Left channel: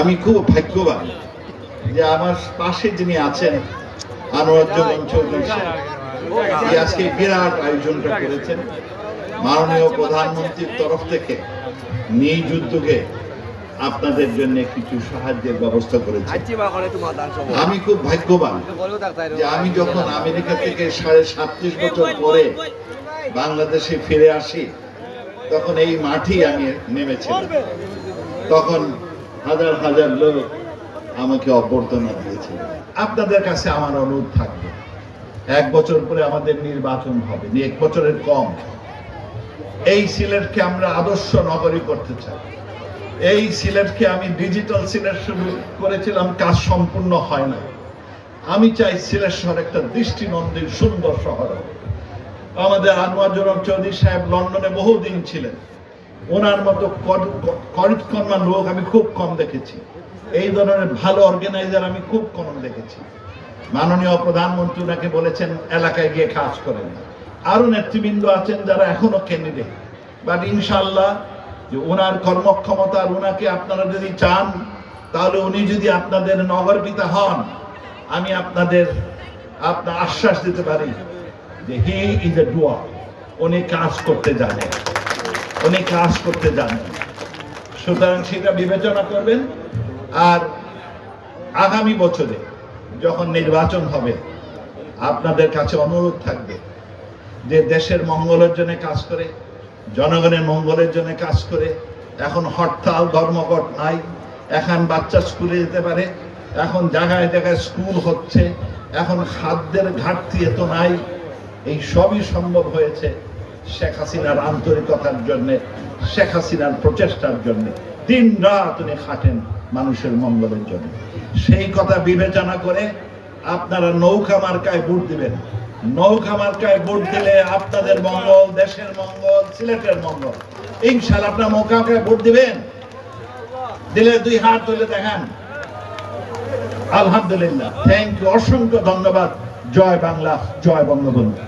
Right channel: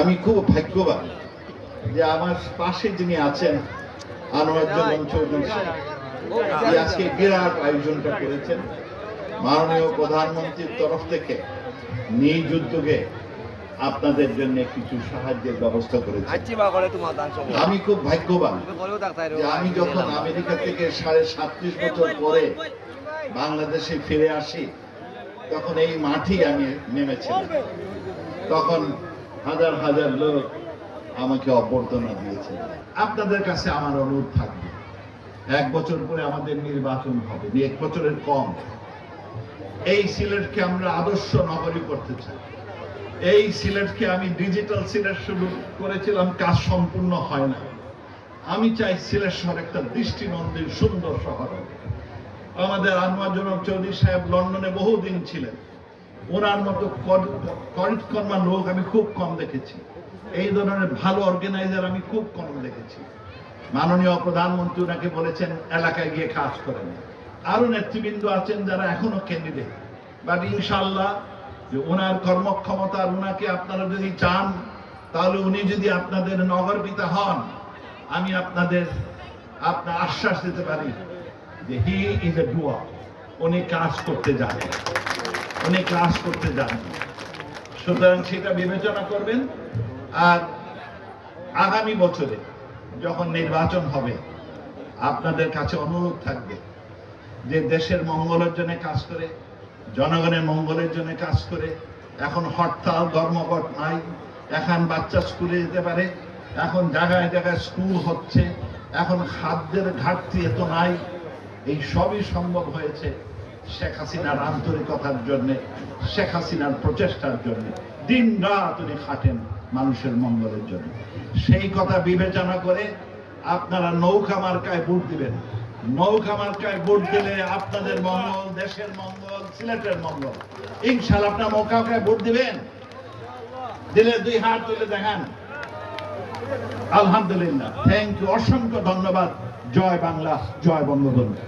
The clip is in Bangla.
আমি খুব ভাগ্যবান যে আমার পাশে যিনি আছেন আনোয়ারুজ্জামান চৌধুরী সাহেব, আজকে বিরাট আয়োজনটা করেছেন। মাননীয় প্রধানমন্ত্রীর তরফ থেকে নিজ উদ্যোগে আপনাদের জন্য কিছু সাহায্যের ব্যবস্থা করেছে। আমি খুব ভাগ্যবান যে আমি যখন আমেরিকা থেকে 37.5 বছর পরে বাংলাদেশে ফিরে আসি, তখন এই মাঠেই আমি নেমেছিলাম। তখন হাজার হাজার লোক আমাকে অভ্যর্থনা দিয়েছিল। আপনাদের কাছে আমার অনুরোধ থাকবে, 1 বছর পরে আমাদের নির্বাচন হবে, 1 বছরের কম। এই সিলেটকে আমরা আদর্শ নগরী করতে চাই। এই সিলেটকে আমি ডিজিটাল সিলেট শুরু করেছিলাম, কাজ সম্পূর্ণ হয় না। আমি চাই সিলেট শহর একটা দৃষ্টিনন্দন সুন্দর শহর হবে। আমাদের আনোয়ারুজ্জামান চৌধুরী সাহেব লন্ডনে বহুদিন ছিলেন, ওনার মতো কর্মা লোক আমি খুব কম দেখেছি। এই ধরনের ভালো অর্গানাইজার আমি খুব কম দেখেছি। মাননীয় প্রধানমন্ত্রী ওনাকে বলেছেন এলাকায় গিয়ে কাজ করেন। আরো নেতৃবৃন্দ আছেন যারা এখনো ক্যান্ডিডেট, বাট ইনশাআল্লাহ যে ওনার কর্মক্ষমতা, ওনাকে আপনারা যদি চান, তাহলে উনি যদি আপনাদের নগর পিতা হন, আমি আপনার আশ্বাস দিতে পারি যে হি ইজ এ ডুয়ার। উনি কাজ করতে জানেন, উনি কাজ করতে জানেন। সুতরাং সেটা বিবেচনা করবেন। আর আগামী বছরে যখন নির্বাচন হবে, আপনাদের কাছে অনুরোধ থাকবে যে দেশের মঙ্গলের জন্য কাজ করে, জনগণের মঙ্গলের জন্য কাজ করে। এখন হরতাল ধর্মঘট নাই, এখন বাচ্চা স্কুলে যেতে পারে, এখন জায়গায় জায়গায় স্কুল হচ্ছে, এখন খাদ্যের ঘাটতি এত নাই। এই সবই সম্ভব হয়েছে শেখ হাসিনার আন্তরিকতার জন্য, শেখ হাসিনার প্রচেষ্টার জন্য। দিন রাত উনি খাটেন মানুষের মঙ্গলের জন্য। সেই কথা বিবেচনা করে আপনারা নৌকা মার্কায় ভোট দিবেন। নৌকা মার্কায় ভোট দিলে আপনাদের মঙ্গল, দেশের মঙ্গল, সিলেটের মঙ্গল। ইনশাআল্লাহ আপনারা নৌকা মার্কায় ভোট দিবেন। দিলে 2 হাত তুলে দেখেন। আলহামদুলিল্লাহ, থ্যাংক ইউ, অসংখ্য ধন্যবাদ। জয় বাংলা, জয় বঙ্গবন্ধু।